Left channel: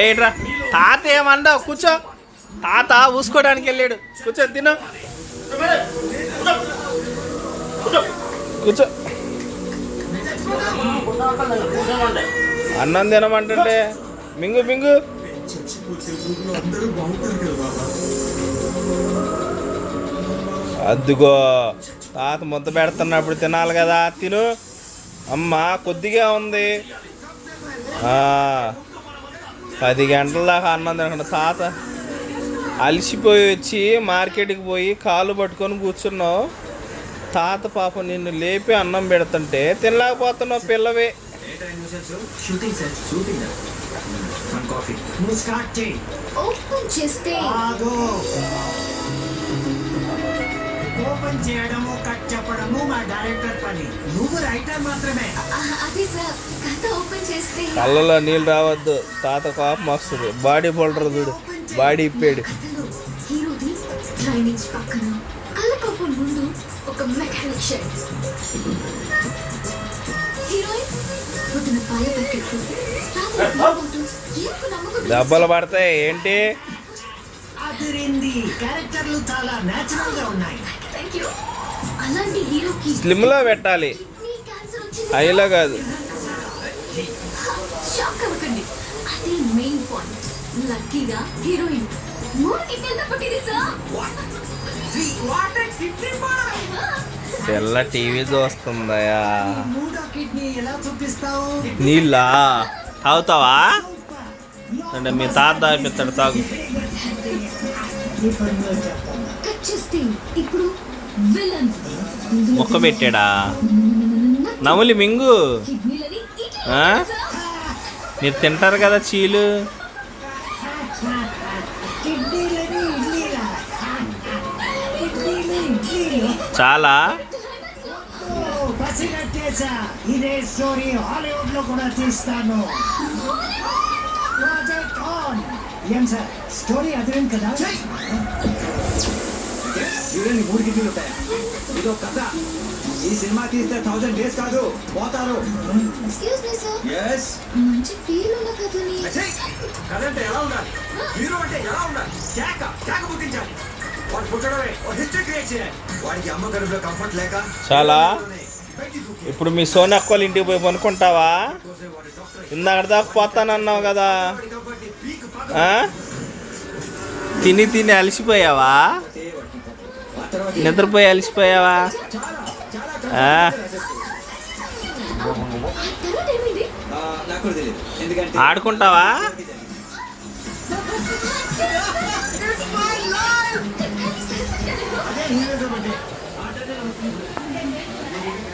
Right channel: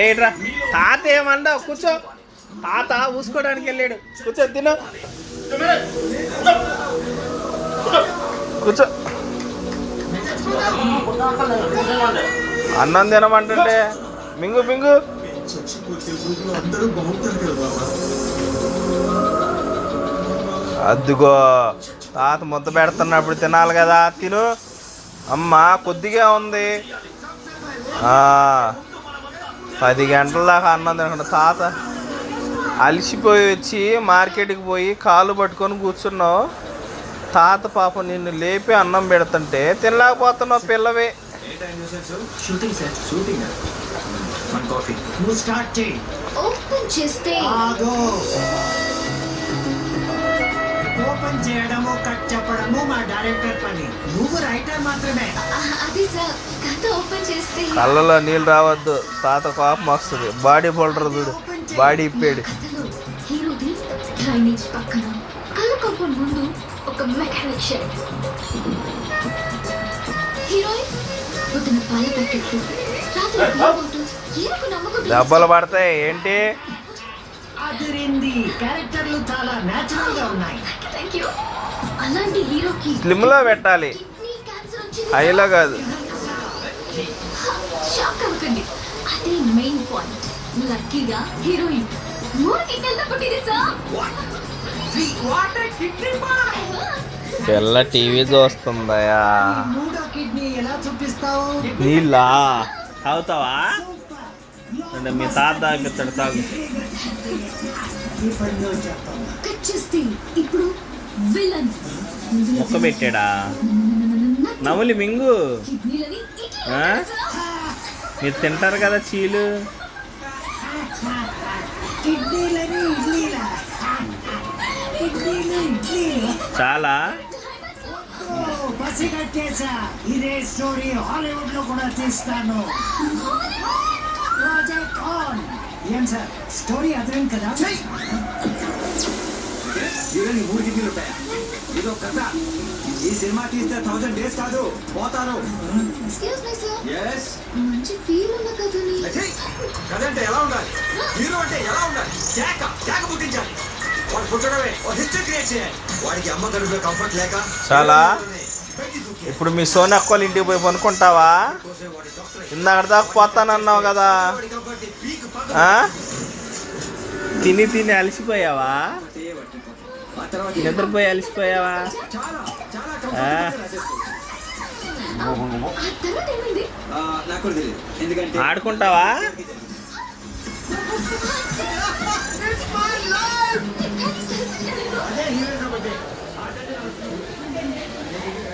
ఏట్రా తాత ఏమన్నావు? కూర్చో. తాత ఊసుకోవడానికి వెళ్ళాడు. కూర్చో, తిను. కూర్చో. అన్నం తినమంటుంటే మింగు మింగు. అద్దుగో తాత ముద్ద పెడుతున్నప్పుడు తినాలి కదా, తిను. అమ్మ కొద్దిగా ఉంది. 10 గంటల దాకా అన్నం తినకుండా తాత అలసిపోయి వచ్చి మార్కెట్కి పోయి కాళ్ళు పట్టుకొని కూర్చున్నావు. తాత పాపం నిన్ను లేపి అన్నం పెడుతుంటే తినలేకపోతున్నావు పిల్లవే. ఓపెన్ చేయడము కట్ చెప్పడము మా డైరెక్టర్ పని. నువ్వు రైటర్ మాత్రమే. కళ్ళలో నీళ్ళు రావద్దు, తాత కోపం వస్తుంది. బాడీ బోల్డర్ చూడు, బాడీ ఇప్పాడు. దెబ్బలు పడతాయి ఏంటి? క్యారెక్టర్లు చాలా నేచురల్ గా ఉన్నాయి. స్లిమ్ లో పెట్టాలి, హైలో కాదు. తెల్ల టీవీ చూస్తుందయా. నీళ్ళా తాగుతావా? అంటే మీ తాత తాగిపిస్తాడు, తాగు. మొక్క పెట్టాడా? నములి మింగు. మీరు తింటారు కదా చీలు. చాలా ఇదే స్టోరీ హాలీవుడ్ లో కూడా తీస్తాను. Project on. ఏం సార్ స్టోరీ అదిరింది కదా? హీరోని 3 కిడ్నీలు ఉంటాయా? ఇదో కథ. ఈ సినిమా తీస్తే 1000 డేస్ కాదు, పోతారు. కథ అంటే ఎలా ఉండాలి? హీరో అంటే ఎలా ఉండాలి? కేక పుట్టించాలి. వాడు పుట్టడమే హిస్టరీ క్రియేట్ చేయాలి. వాడికి అమ్మ కడుపులో కంఫర్ట్ లేక చాలా. ఇప్పుడు మీ సోనక్క వాళ్ళ ఇంటికి పోయి పనుకుంటావా? ఇందాక దాకా పోతానన్నావు కదా. తిని తిని అలసిపోయావా? నిద్రపోయి అలసిపోయావా? ఆడుకుంటావా?